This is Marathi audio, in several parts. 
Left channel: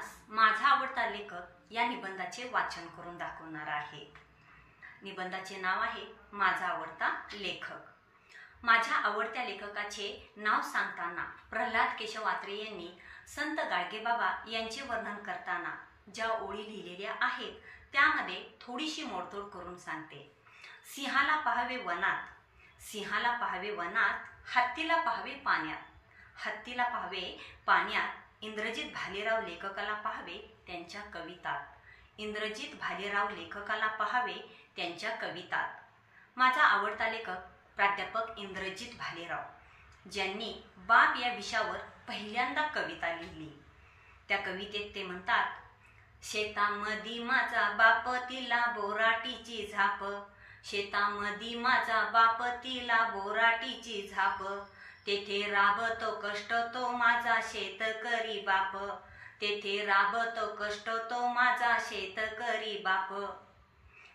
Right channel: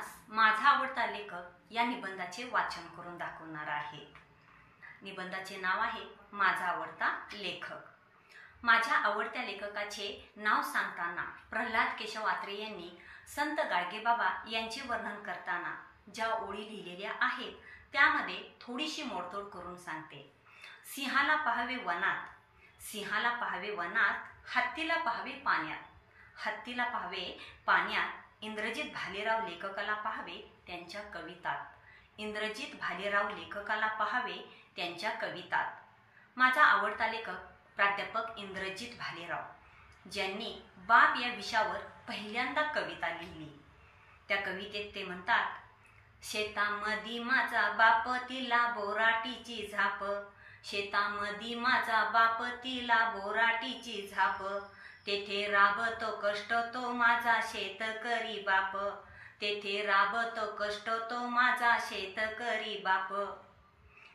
आपणास माझा आवडता लेखक या निबंधाचे वाचन करून दाखवणार आहे। निबंधाचे नाव आहे माझा आवडता लेखक। माझ्या आवडत्या लेखकाचे नाव सांगताना प्रल्हाद केशव आत्रे यांनी संत गाडगेबाबा यांचे वर्णन करताना ज्या ओळी लिहिलेल्या आहेत त्यामध्ये थोडीशी मोडतोड करून सांगते। सिंहाला पाहावे वनात, सिंहाला पाहावे वनात, हत्तीला पाहावे पाण्यात, हत्तीला पाहावे पाण्यात, इंद्रजित भालेराव लेखकाला पाहावे त्यांच्या कवितात, इंद्रजित भालेराव लेखकाला पाहावे त्यांच्या कवितात। माझा आवडता लेखक प्राध्यापक इंद्रजित भालेराव, ज्यांनी बाप या विषयावर पहिल्यांदा कविता लिहिली। त्या कवितेत ते म्हणतात, शेतामधी माझा बाप तिला बोराटीची झाप, शेतामधी माझा बाप तिला बोराटीची झाप, तेथे राबतो कष्ट तो माझा शेतकरी बाप, तेथे राबतो कष्ट तो माझा शेतकरी बाप।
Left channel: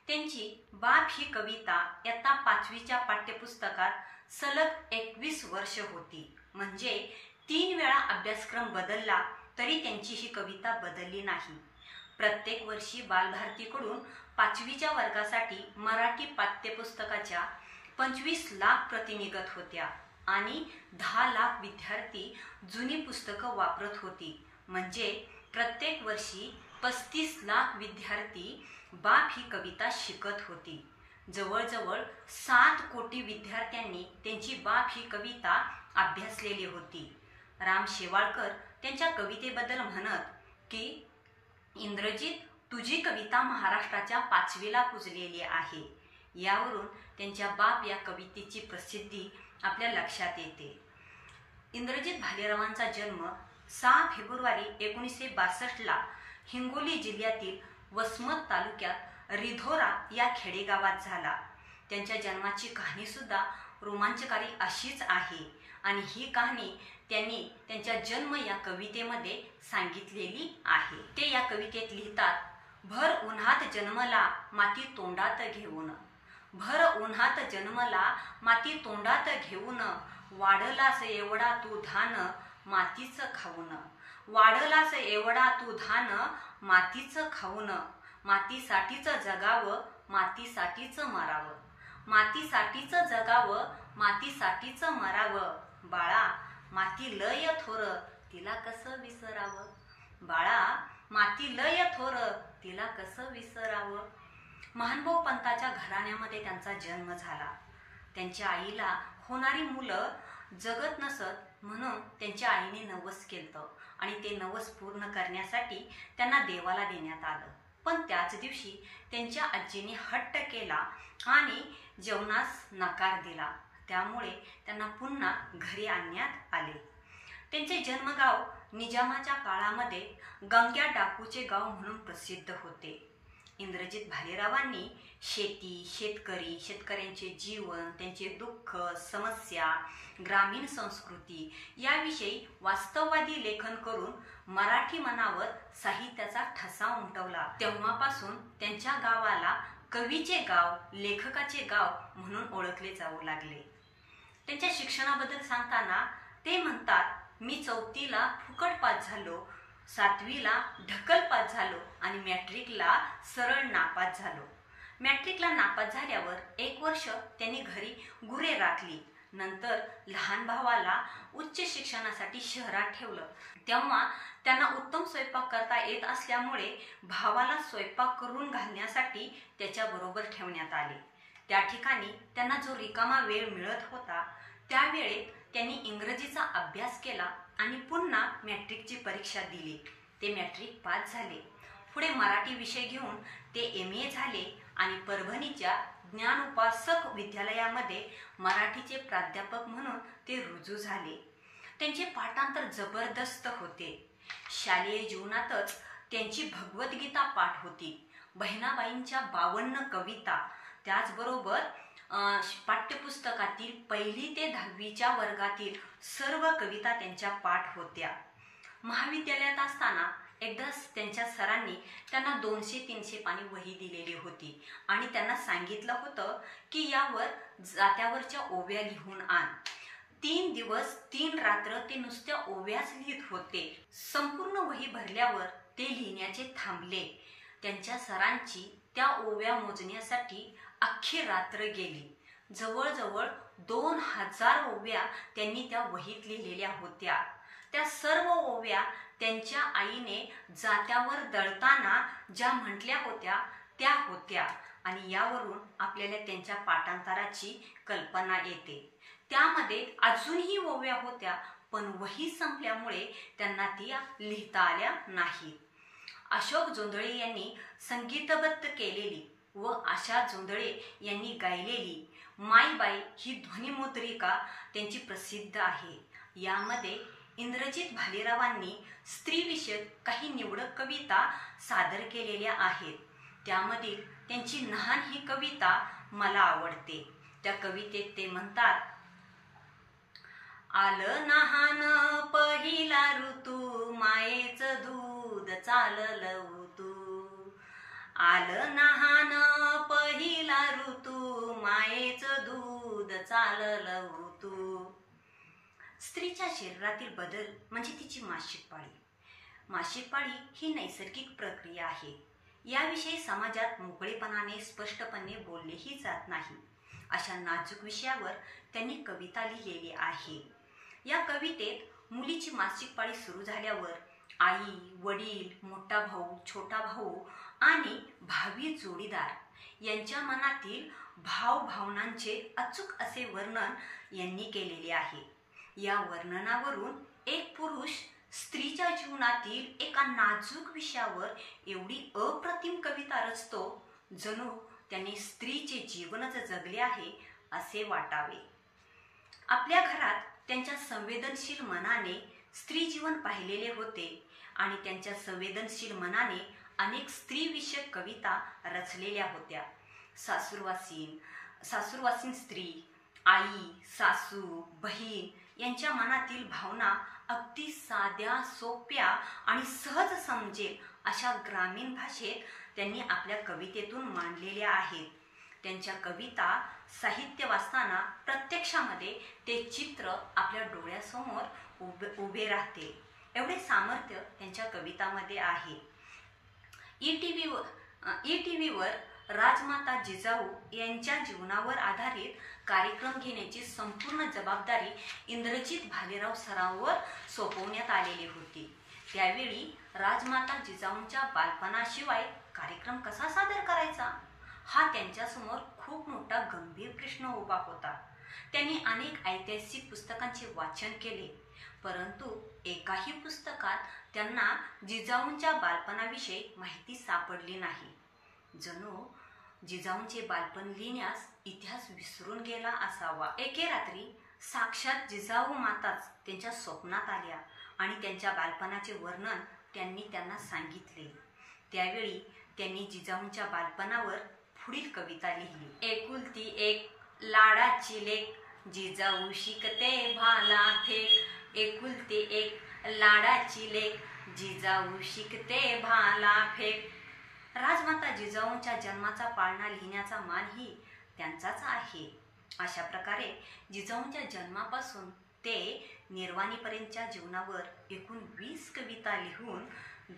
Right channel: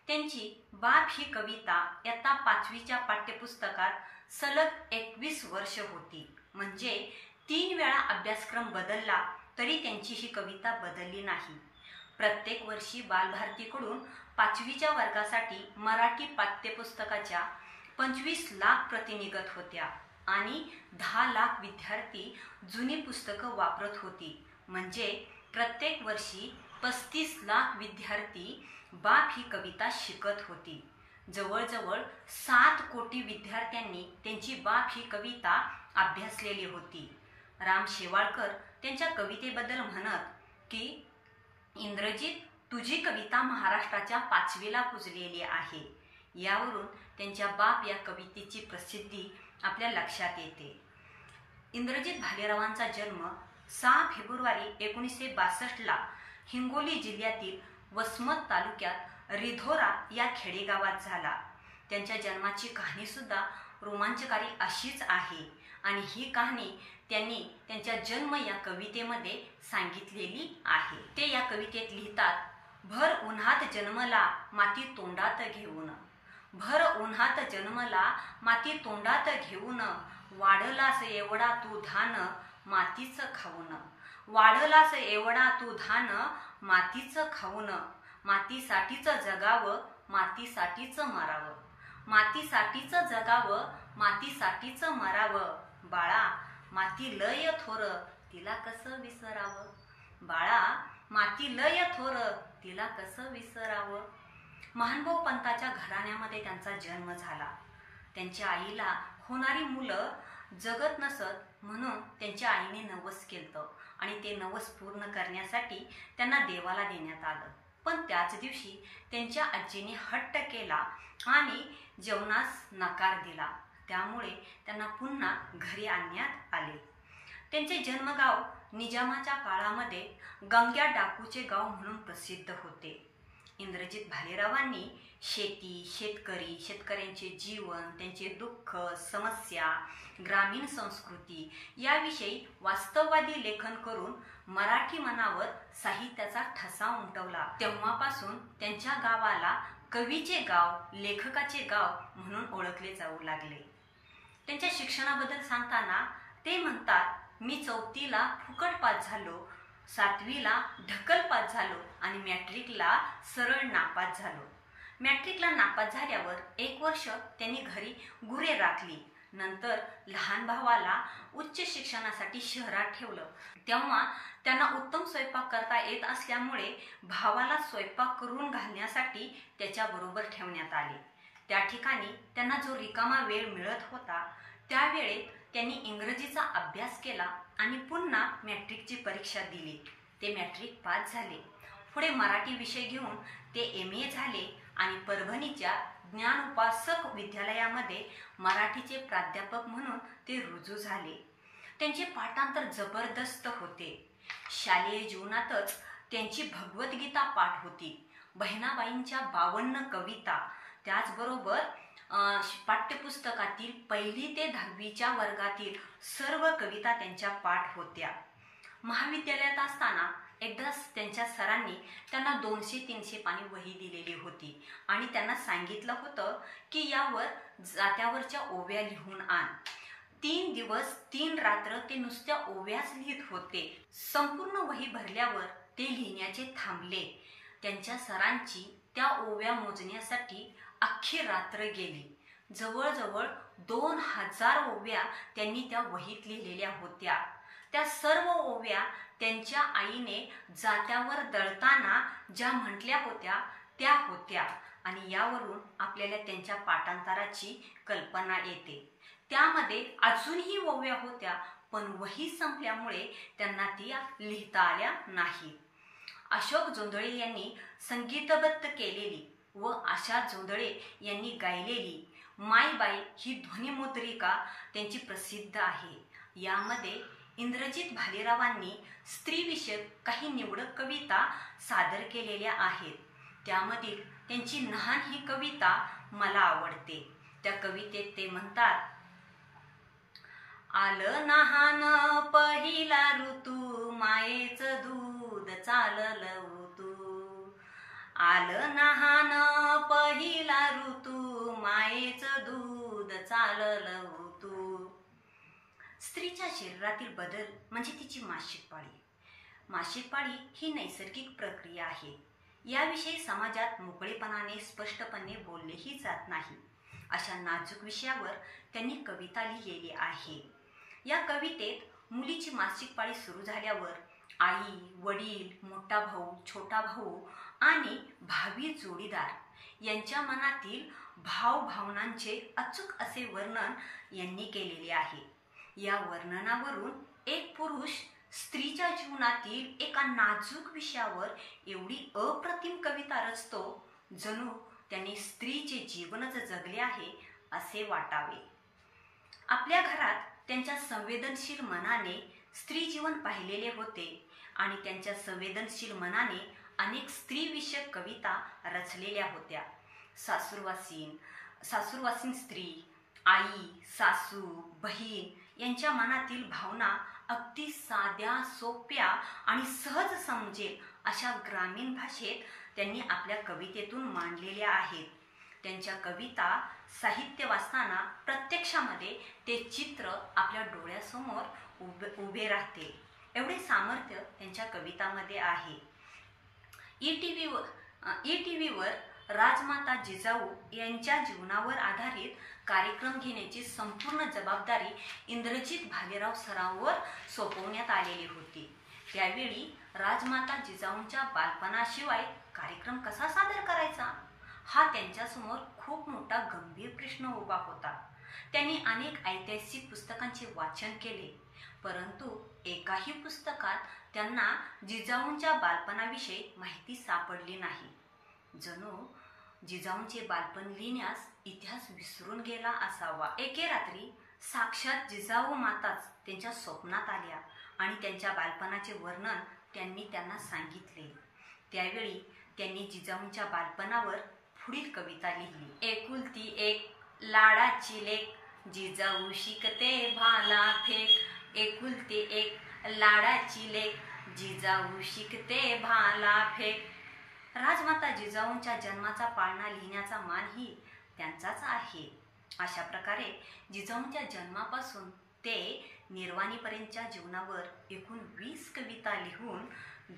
त्यांची बाप ही कविता इयत्ता 5वीच्या पाठ्यपुस्तकात सलग 21 वर्ष होती। म्हणजे 3 वेळा अभ्यासक्रम बदलला तरी त्यांची ही कविता बदलली नाही। प्रत्येक वर्षी बालभारतीकडून 5वीच्या वर्गासाठी मराठी पाठ्यपुस्तकाच्या 25 लाख प्रती निघत होत्या आणि 10 लाख विद्यार्थी जुनी पुस्तकं वापरत होती। म्हणजे प्रत्येक वर्षी 35 लाख विद्यार्थी बाप ही कविता शिकत होती। जवळजवळ 7 कोटी विद्यार्थ्यांनी त्यांची बाप ही कविता अभ्यासलेली होती। राम शेवाळकर त्यांच्या कवितेबद्दल म्हणत की इंद्रजित, तुझी कविता महाराष्ट्राच्या 5वीला पुजलेली आहे। यावरून त्यांच्या बाप या कवितेची प्रसिद्धी आपल्या लक्षात येते। इंद्रजित भालेरावांचा जन्म 6 फेब्रुवारी 1962ला हिंगोली जिल्ह्यातील वसमत तालुक्यात रिधोरा या खेडेगावात झाला। त्यांच्या जन्माची कहाणी सुद्धा रोमांचकारी अशीच आहे आणि ही कहाणी त्यांनी त्यांच्या जन्म या कवितेमध्ये सांगितलेली आहे। ते या कवितेत लिहितात, भर उन्हात जन्मला माती तोंडात घेऊन, भर उन्हात जन्मला माती तोंडात घेऊन, वाढलास एवढा तू धान मातीच खाऊन, वाढलास एवढा तू धान मातीच खाऊन, मातीसाठीच जगावं मातीसाठीच मरावं, मातीसाठीच जगावं मातीसाठीच मरावं, बाळा माती लय थोर तिला कसं विसरावं, बाळा माती लय थोर तिला कसं विसरावं। महानुभाव पंताच्या घराण्यामध्ये त्यांचा जन्म झाला। त्यांच्या आईला होणारी मुलं जगत नसत म्हणून त्यांच्या आईने नवस केलं आणि ते नवस पूर्ण करण्यासाठी त्यांना देवाला देण्यात आलं। पण त्याच दिवशी त्यांच्या आजीने हट्ट केला आणि जेवणास नकार दिला। त्यामुळे त्यांना पुन्हा घरी आणण्यात आले। त्यांचे जन्मगाव निजामाच्या काळामध्ये गंग्या डाकूचे गाव म्हणून प्रसिद्ध होते। इंद्रजित भालेरावांनी शेती, शेतकरी, शेतकऱ्यांचे जीवन, त्यांचे दुःख, समस्या, ग्रामीण संस्कृती याविषयी वास्तववादी लेखन करून मराठी मनावर साहित्याचा ठसा उमटवला। तेव्हापासून त्यांच्या गावाला कवीचे गाव, लेखकाचे गाव म्हणून ओळखले जाऊ लागले। त्यांच्या शिक्षणाबद्दल सांगताना ते म्हणतात, मी 4थीला फुकट पास झालो, 7वीला ढकल पास झालो आणि मॅट्रिकला सरळ नापास झालो। मॅट्रिकला नापास झाल्यावर 1 वर्ष त्यांनी घरी गुरे राखली। नंतर लहान भावाला उच्च शिक्षणासाठी शहरात ठेवलं। तेव्हा त्यांना उत्तम स्वयंपाक करता येत असल्यामुळे भावाला स्वयंपाक करून घालण्यासाठी त्याच्याबरोबर ठेवण्यात आले। त्या ठिकाणी त्यांना जो रिकामा वेळ मिळत होता त्यावेळेत त्यांनी इंग्रजीचा अभ्यास केला आणि पुन्हा मॅट्रिकची परीक्षा दिली। ते मॅट्रिक पास झाले। पुढे मराठी विषय घेऊन ते MA झाले आणि परभणीच्या ज्ञानोपासक विद्यालयामध्ये मराठीचे प्राध्यापक म्हणून ते रुजू झाले। त्यांचे पाठांतर जबरदस्त होते। शालेय जीवनातच त्यांची भगवद्गीता पाठ होती। बहिणाबाईंच्या 52 कविता, त्याचबरोबर पाठ्यपुस्तकातील 1ली ते 10वीच्या वर्गातील सर्व कविता त्यांच्या पाठ होत्या। महाविद्यालयात असताना एकदा त्यांच्या सरांनी त्यांना 200-300 पानी वही दिलेली होती आणि त्यांना सांगितलं होतं की यावर जात्यावरच्या ओव्या लिहून आण। 3 दिवस 3 रात्र ते नुसत्या ओव्याच लिहित होते। संपूर्ण वही भरल्यावर ते लिहिण्याचे थांबले. त्यांच्या सरांची त्या ओव्या मोजण्यासाठी अख्खी रात्र गेली. जवळजवळ 2000 ओव्या त्यांनी त्या वहीत लिहिलेल्या होत्या. त्या सर्व ओव्या त्यांच्या आईने जात्यावर दळताना ज्या म्हटल्या होत्या त्या होत्या आणि यावरून आपल्याला त्यांच्या पाठांतराची कल्पना येते. त्यामध्ये अजूनही ओव्या होत्या, पण वही संपल्यामुळे त्यांना त्या लिहिता आल्या नाहीत. अशोक जोंधळे यांनी संगीतबद्ध केलेली व आशा जोंधळे यांनी गायलेली मायबाई ही ध्वनिमुद्रिका त्यांची प्रसिद्ध आहे. यामध्ये इंद्रजित भालेरावांनी स्त्रीविषयक काही निवडक कविता सादर केलेल्या आहेत. त्यामधील त्यांची नहान ही कविता मला आवडते. त्या कवितेत ते म्हणतात, आलं नहान पहिला ऋतू, मायेचं दूध चाललं उतू. आलं नहान पहिला ऋतू, मायेचं दूध चाललं उतू. स्त्रीच्या शरीरातील बदल म्हणजे तिची मासिक पाळी. मासिक पाळी ही नैसर्गिक प्रक्रिया आहे. याविषयी समाजात मोकळेपणाने स्पष्टपणे बोललेही जात नाही. अशा नाजूक विषयावर त्यांनी कविता लिहिलेली आहे. या कवितेत मुलीची मासिक पाळी सुरू झाल्यावर आई, वडील, मोठा भाऊ, छोटा भाऊ आणि भावी जोडीदार यांच्या मनातील भावभावनांचे अचूक असे वर्णन यांनी केलेले आहे. या वर्णनावरून एक पुरुष स्त्रीच्या जीवनातील एका नाजूक विषयावर एवढी अप्रतिम कविता रचतो, जणू त्यांनी स्त्रीचे जीवनच जगले आहे असे वाटावे. आपल्या घरात त्यांच्या संवेदनशील मनाने स्त्री जीवन पाहिलेले होते आणि त्यांच्या संवेदनशील मनाने अनेक स्त्रीविषयक कविता रचलेल्या होत्या. सासूरवासीन स्त्री, आई, सासू, बहीण यांच्या मनातील भावना अगदी साध्या, सोप्या आणि सहज समजेल अशा ग्रामीण भाषेत त्यांनी आपल्या कवितेतून मांडलेल्या आहेत. त्यांच्या कविता साहित्य वाचताना प्रत्यक्षामध्ये ते चित्र आपल्या डोळ्यासमोर उभे राहते. एवढे सामर्थ्य त्यांच्या कवितामध्ये आहे. ई.टी.व्हीवर राजमाता जिजाऊ यांच्या जीवनावर आधारित कार्यक्रम घेण्याची संपूर्ण जबाबदारी इंद्रजित भालेराव सरांवर सोपवण्यात आलेली होती. त्यावेळी राजमाता जिजाऊंच्या बालपणाशिवाय कार्यक्रम कसा सादर करायचा हा त्यांच्यासमोर खूप मोठा गंभीर प्रश्न उभा होता. त्यांनी अनेक ऐतिहासिक पुस्तकांचे वाचन केले, परंतु एकाही पुस्तकात त्यांना जिजाऊंच्या बालपणाविषयी माहिती सापडली नाही. जणू जिजाऊंचे बालपण लिहिण्यास इतिहास विसरून गेला असावा. एके रात्री साक्षात जिजाऊ माताच त्यांच्या स्वप्नात आल्या आणि त्यांच्या बालपणाचे वर्णन त्यांना सांगितले. त्यावेळी त्यांनी जिजाऊंच्या बालपणावर पुढील कविता लिहिली. एकुलती एक लाडाची लेक, जिजाऊ शिकते भाला फेक. एकुलती एक लाडाची लेक, जिजाऊ शिकते भाला फेक. राजमाता जिजाऊंच्या जन्माचा पाळणा लिहिण्याचा मानही त्यांचाच आहे. अशा प्रकारे जिजाऊंच्या जन्मापासून ते निर्वाणीपर्यंतच्या जीवनावर एकूण 20 कविता लिहून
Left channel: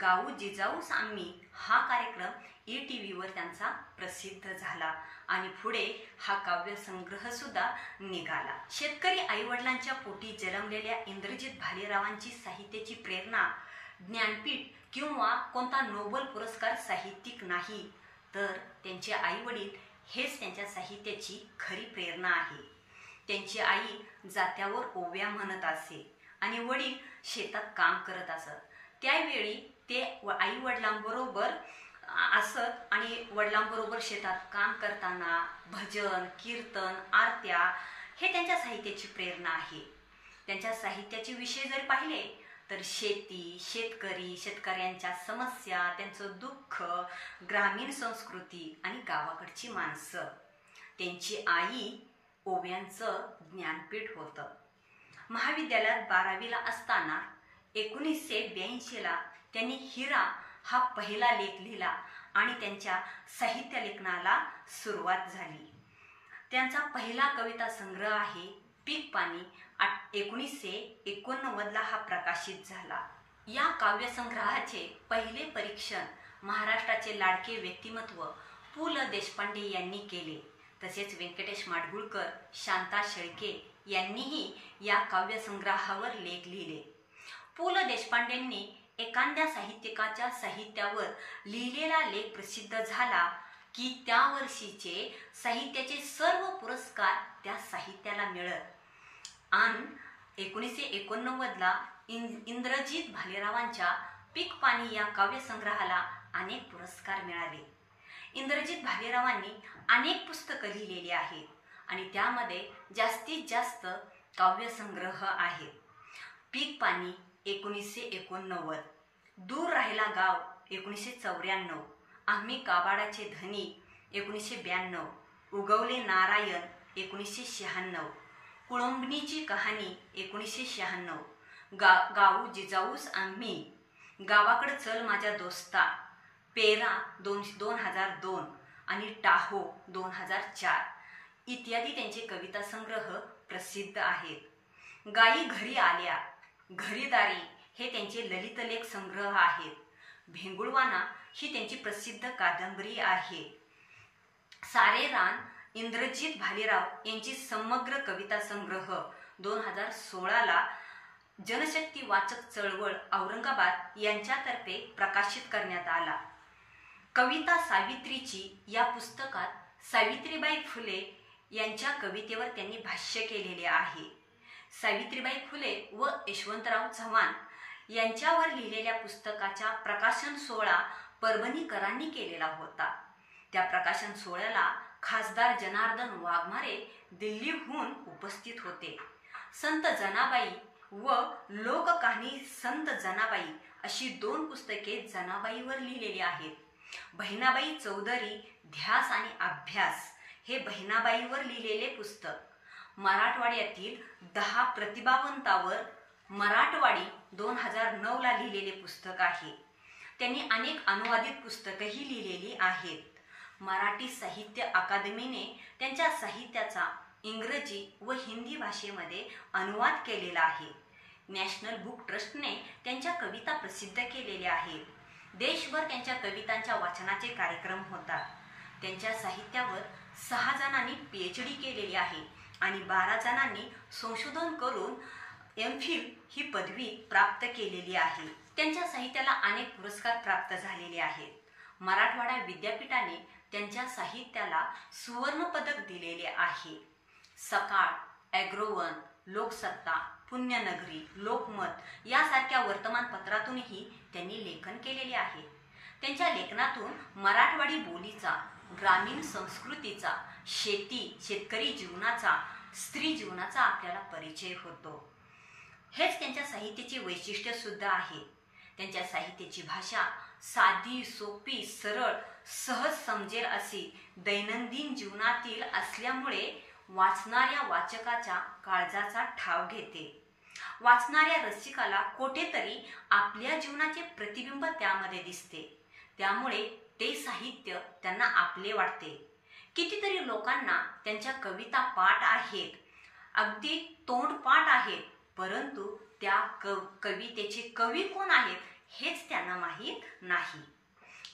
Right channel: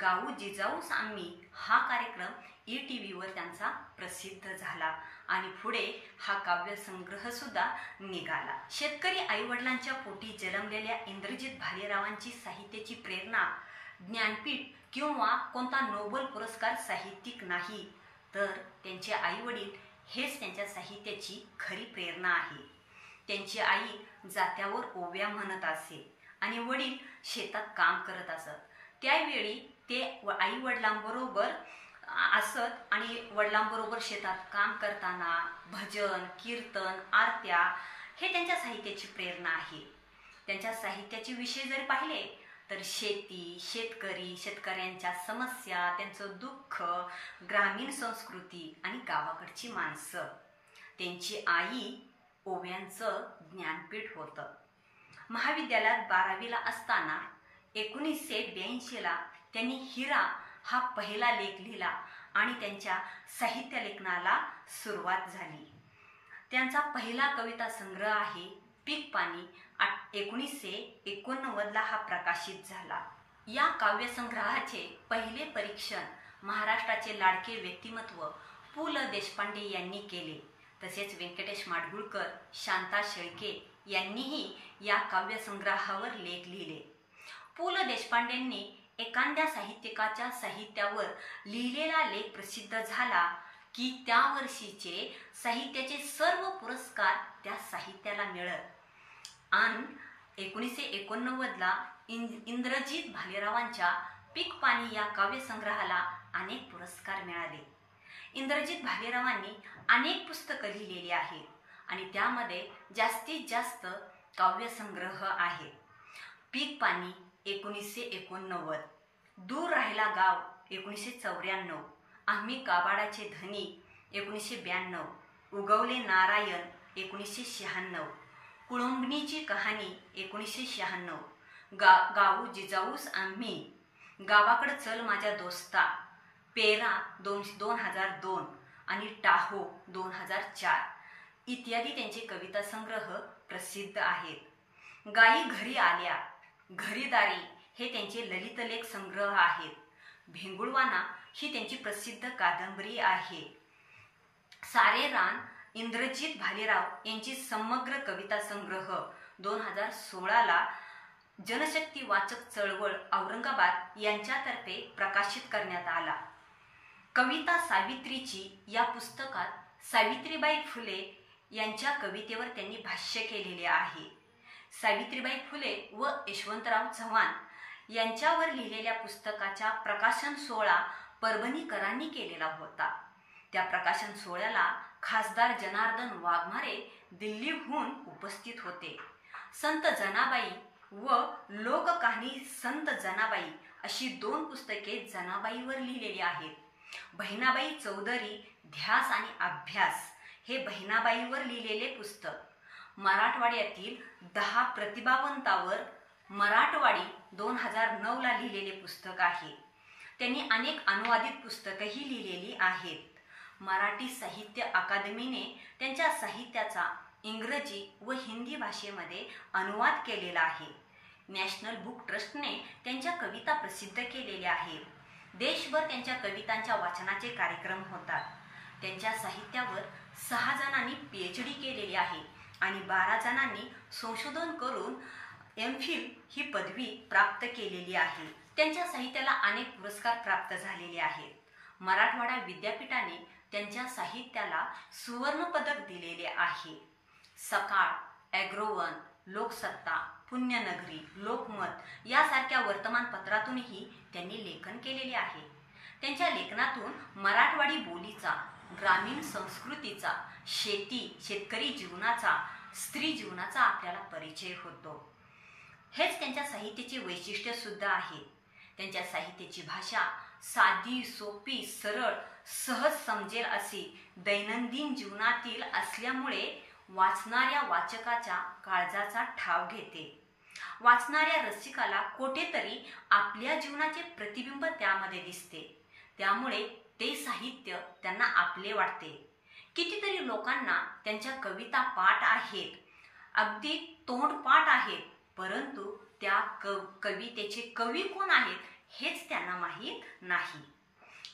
गाऊ जिजाऊस आम्ही हा कार्यक्रम ई.टी.व्हीवर त्यांचा प्रसिद्ध झाला आणि पुढे हा काव्यसंग्रह सुद्धा निघाला. शेतकरी आईवडिलांच्या पोटी जन्मलेल्या इंद्रजित भालेरावांची साहित्याची प्रेरणा ज्ञानपीठ किंवा कोणता नोबेल पुरस्कार साहित्यिक नाही, तर त्यांचे आईवडील हेच त्यांच्या साहित्याची खरी प्रेरणा आहे. त्यांची आई जात्यावर ओव्या म्हणत असे आणि वडील शेतात काम करत असत. त्यावेळी ते आई वडिलांबरोबर असत आणि वडिलांबरोबर शेतात काम करताना भजन, कीर्तन, आरत्या हे त्यांच्या साहित्याची प्रेरणा आहे. त्यांच्या साहित्याचे विषय जर पाहिले तर शेती, शेतकरी, शेतकऱ्यांच्या समस्या, त्यांचं दुःख, ग्रामीण संस्कृती आणि गावाकडची माणसं. त्यांची आई ओव्यांचं ज्ञानपीठ होतं. महाविद्यालयात 12वीला असताना 1982ला त्यांनी हिरा हा पहिला लेख लिहिला आणि त्यांच्या साहित्य लेखनाला सुरुवात झाली. त्यांचा पहिला कविता संग्रह आहे पीक पाणी. 1989ला हा प्रकाशित झाला. या काव्यसंग्रहाचे पहिले परीक्षण महाराष्ट्राचे लाडके व्यक्तिमत्व पु ल देशपांडे यांनी केले. तसेच व्यंकटेश माडगूळकर, शांता शेळके यांनीही या काव्यसंग्रहावर लेख लिहिले. पु ल देशपांडेंनी एखाद्या साहित्यिकाच्या साहित्यावर लिहिलेला लेख प्रसिद्ध झाला की त्या वर्षीचे साहित्याचे सर्व पुरस्कार त्या साहित्याला मिळत. आणि 1989ला इंद्रजित भालेरावांच्या पीक पाणी या काव्यसंग्रहाला अनेक पुरस्कार मिळाले. इंद्रजित भालेरावांनी अनेक पुस्तकं लिहिलेली आहेत आणि त्यामध्ये जास्तीत जास्त काव्यसंग्रह आहेत. पीक पाणी 1989, दूर राहिला गाव 1994, आम्ही काबाडाचे धनी 1992, उगवले नारायण 1996, कुळंबणीची कहाणी 1996, गाऊ जिजाऊस आम्ही, गावाकडं चल माझ्या दोस्ता, पेरा 2002 आणि टाहो 2004 इत्यादी त्यांचे कविता संग्रह प्रसिद्ध आहेत. गायी घरी आल्या, घरीदारी हे त्यांचे ललितलेख संग्रह आहेत. भेंगुळवाना ही त्यांची प्रसिद्ध कादंबरी आहे. सारे रान इंद्रजित भालेराव यांची समग्र कविता संग्रह 2016ला जनशक्ती वाचक चळवळ औरंगाबाद यांच्यातर्फे प्रकाशित करण्यात आला. कविता सावित्रीची या पुस्तकात सावित्रीबाई फुले यांच्या कवितेवर त्यांनी भाष्य केलेले आहे. सावित्रीबाई फुले व यशवंतराव चव्हाण यांच्यावर लिहिलेल्या पुस्तकाचा प्रकाशन सोहळा परभणीकरांनी केलेला होता. त्या प्रकाशन सोहळ्याला खासदार जनार्दन वाघमारे दिल्लीहून उपस्थित होते. संत जनाबाई व लोककहाणी संत जनाबाई अशी 2 पुस्तके जनाबाईवर लिहिलेली आहेत. बहिणाबाई चौधरी ध्यास आणि अभ्यास हे बहिणाबाईवर लिहिलेले पुस्तक. मराठवाड्यातील 10 प्रतिभावंतावर मराठवाडी 2009ला लिहिलेले पुस्तक आहे. त्यांनी अनेक अनुवादित पुस्तकंही लिहिलेली आहेत. मराठी साहित्य अकादमीने त्यांच्या साहित्याचा इंग्रजी व हिंदी भाषेमध्ये अनुवाद केलेला आहे. नॅशनल बुक ट्रस्टने त्यांच्या कविता प्रसिद्ध केलेल्या आहेत. देशभर त्यांच्या कवितांच्या वाचनाचे कार्यक्रम होतात. त्यांच्या साहित्यावर 6 जणांनी PhD केलेली आहे आणि 12 जणांनी संशोधन करून MPhil ही पदवी प्राप्त केलेली आहे. त्यांच्या साहित्याला अनेक पुरस्कार प्राप्त झालेले आहेत. मराठवाडा विद्यापीठाने त्यांच्या साहित्याला सुवर्ण पदक दिलेले आहे. सकाळ, ॲग्रोवन, लोकसत्ता, पुण्यनगरी, लोकमत यासारख्या वर्तमानपत्रातूनही त्यांनी लेखन केलेले आहे. त्यांच्या लेखनातून मराठवाडी बोलीचा, ग्रामीण संस्कृतीचा, शेतकरी जीवनाचा, स्त्री जीवनाचा आपल्याला परिचय होतो. हेच त्यांच्या साहित्याचे वैशिष्ट्य सुद्धा आहे. त्यांच्या साहित्याची भाषा साधी, सोपी, सरळ, सहज समजेल अशी दैनंदिन जीवनातील असल्यामुळे वाचणाऱ्या वाचकाच्या काळजाचा ठाव घेते. वाचणाऱ्या रसिकाला कुठेतरी आपल्या जीवनाचे प्रतिबिंब त्यामध्ये दिसते. त्यामुळे ते साहित्य त्यांना आपले वाटते. कितीतरी लोकांना त्यांच्या कविता पाठ आहेत, अगदी तोंडपाठ आहेत, परंतु त्या कवितेचे कवी कोण आहेत हेच त्यांना माहीत नाही.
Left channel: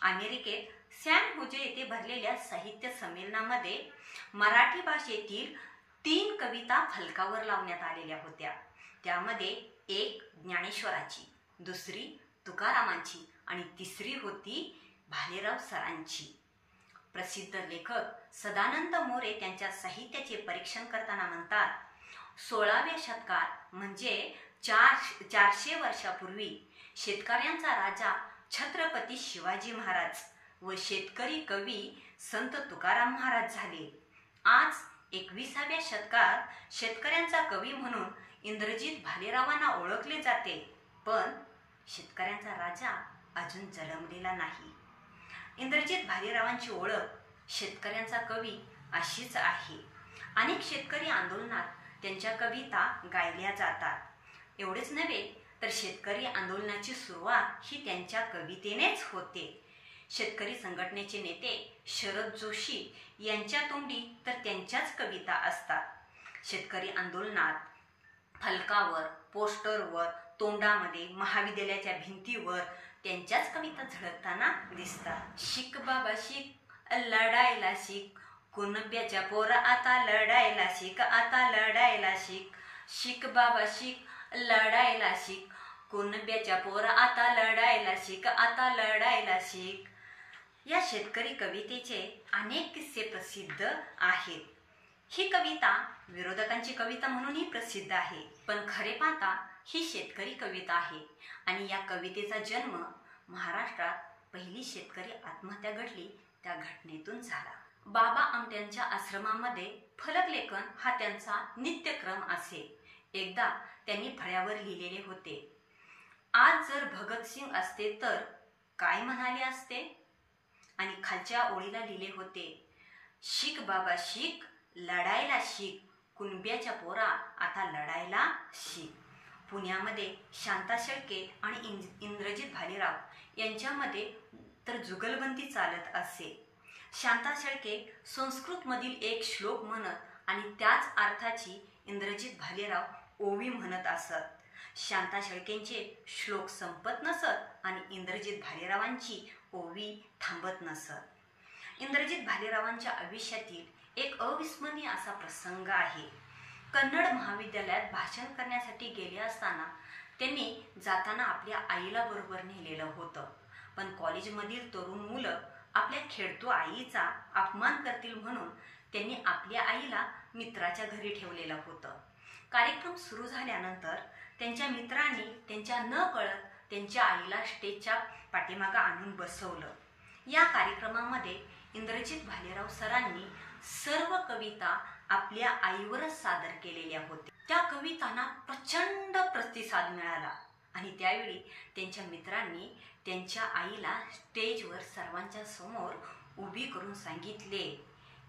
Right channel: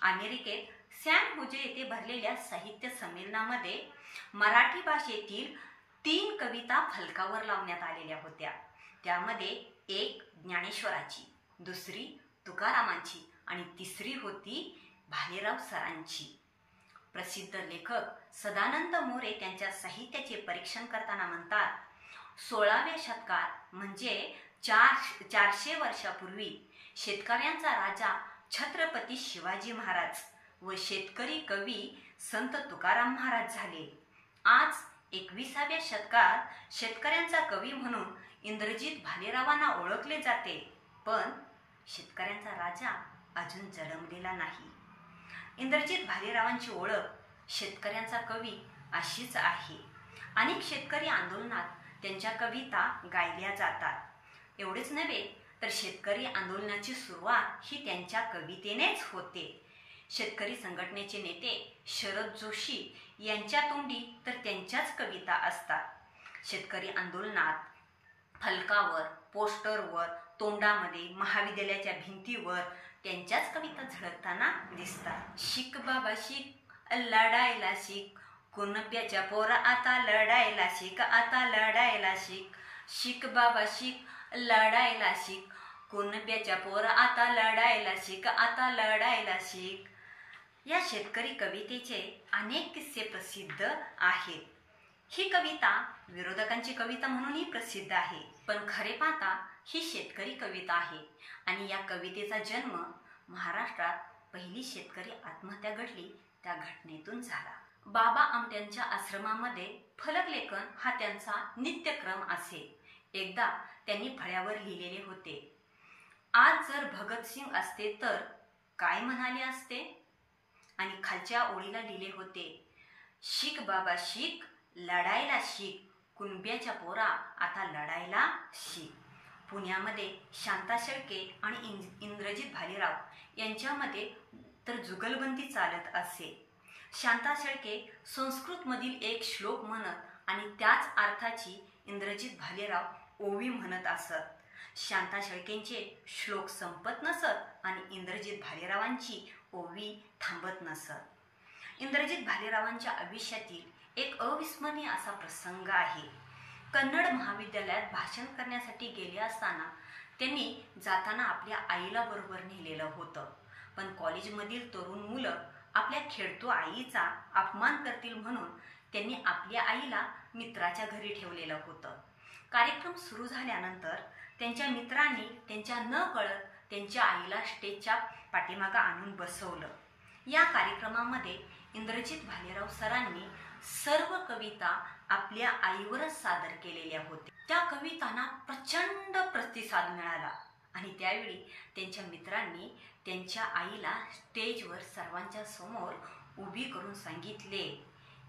अमेरिकेत सॅन होजे येथे भरलेल्या साहित्य संमेलनामध्ये मराठी भाषेतील 3 कविता फलकावर लावण्यात आलेल्या होत्या. त्यामध्ये एक ज्ञानेश्वराची, दुसरी तुकारामांची आणि तिसरी होती भालेराव सरांची. प्रसिद्ध लेखक सदानंद मोरे त्यांच्या साहित्याचे परीक्षण करताना म्हणतात, 16व्या शतकात म्हणजे 400 वर्षापूर्वी शेतकऱ्यांचा राजा छत्रपती शिवाजी महाराज व शेतकरी कवी संत तुकाराम महाराज झाले. आज 21व्या शतकात शेतकऱ्यांचा कवी म्हणून इंद्रजित भालेरावांना ओळखले जाते, पण शेतकऱ्यांचा राजा अजून जन्मलेला नाही. इंद्रजित भालेरावांची ओळख शेतकऱ्यांचा कवी अशीच आहे. अनेक शेतकरी आंदोलनात त्यांच्या कविता गायल्या जातात. एवढेच नव्हे तर शेतकरी आंदोलनाची सुरुवात ही त्यांच्या कवितेनेच होते. शेतकरी संघटनेचे नेते शरद जोशी यांच्या तोंडी तर त्यांच्याच कविता असतात. शेतकरी आंदोलनात फलकावर, पोस्टरवर, तोंडामध्ये महाविद्यालयाच्या भिंतीवर त्यांच्याच कविता झळकताना दिसतात. शिक बाबा शिक, लढायला शिक, कुणब्याच्या पोरा आता लढायला शिक, आता लढायला शिक. शिक बाबा शिक, लढायला शिक, कुणब्याच्या पोरा आता लढायला शिक, आता लढायला शिक. या शेतकरी कवितेचे अनेक किस्से प्रसिद्ध आहेत. ही कविता विरोधकांची कविता म्हणूनही प्रसिद्ध आहे, पण खरे पाहता ही शेतकरी कविता आहे. आणि या कवितेचा जन्म महाराष्ट्रात पहिली शेतकरी आत्महत्या घडली त्या घटनेतून झाला. बाबा आमट्यांच्या आश्रमामध्ये फलकलेखन हा त्यांचा नित्यक्रम असे. एकदा त्यांनी फळ्यावर लिहिलेले होते, आज जर भगतसिंग असते तर काय म्हणाले असते. आणि खालच्या ओळीला लिहिले होते, शिक बाबा शिक, लढायला शिक, कुणब्याच्या पोरा आता लढायला शिक. पुण्यामध्ये शांता शेळके आणि इंद्रजित भालेराव यांच्यामध्ये तर जुगलबंदी चालत असे. शांता शेळके संस्कृतमधील एक श्लोक म्हणत आणि त्याच अर्थाची इंद्रजित भालेराव ओवी म्हणत असत. शांता शेळकेंचे श्लोक संपत नसत आणि इंद्रजित भालेरावांची ओवी थांबत नसत. इंद्रजित भालेरावांच्या आयुष्यातील एक अविस्मरणीय असा प्रसंग आहे. कन्नड महाविद्यालयात भाषण करण्यासाठी गेले असताना त्यांनी जाताना आपल्या आईला बरोबर नेलेलं होतं. पण कॉलेजमधील तरुण मुलं आपल्या खेळतो आईचा अपमान करतील म्हणून त्यांनी आपल्या आईला मित्राच्या घरी ठेवलेलं होतं. कार्यक्रम सुरू झाल्यानंतर त्यांच्या मित्रांनी त्यांच्या न कळत त्यांच्या आईला स्टेजच्या पाठीमागं आणून बसवलं. या कार्यक्रमामध्ये इंद्रजित भालेराव सरांनी सर्व कविता आपल्या आईवरच सादर केलेल्या होत्या. त्या कवितांना प्रचंड प्रतिसाद मिळाला आणि त्यावेळी त्यांच्या मित्रांनी त्यांच्या आईला स्टेजवर सर्वांच्या समोर उभी करून सांगितले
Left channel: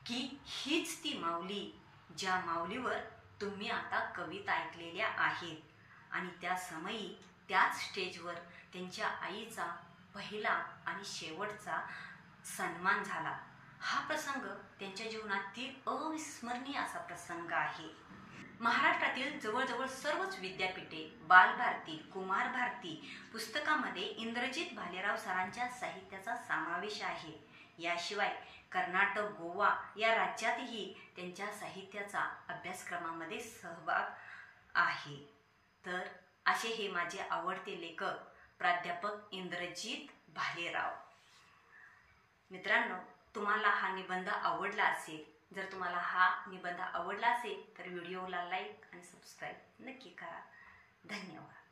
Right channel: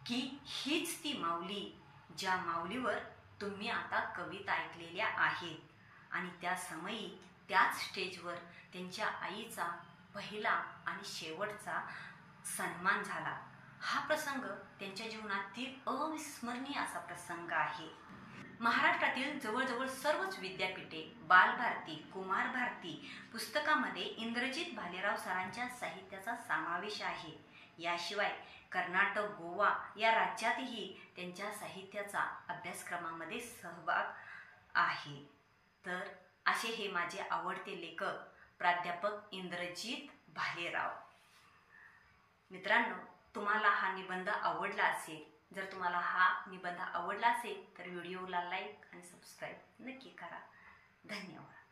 की हीच ती माऊली ज्या माऊलीवर तुम्ही आता कविता ऐकलेल्या आहेत. आणि त्या समयी त्याच स्टेजवर त्यांच्या आईचा पहिला आणि शेवटचा सन्मान झाला. हा प्रसंग त्यांच्या जीवनातील अविस्मरणीय असा प्रसंग आहे. महाराष्ट्रातील जवळजवळ सर्वच विद्यापीठे, बालभारती, कुमार भारती पुस्तकामध्ये इंद्रजित भालेराव सरांच्या साहित्याचा समावेश आहे. याशिवाय कर्नाटक, गोवा या राज्यातही त्यांच्या साहित्याचा अभ्यासक्रमामध्ये सहभाग आहे. तर असे हे माझे आवडते लेखक प्राध्यापक इंद्रजित भालेराव. मित्रांनो, तुम्हाला हा निबंध आवडला असेल, जर तुम्हाला हा निबंध आवडला असेल तर व्हिडिओला लाईक आणि सबस्क्राईब नक्की करा. धन्यवाद.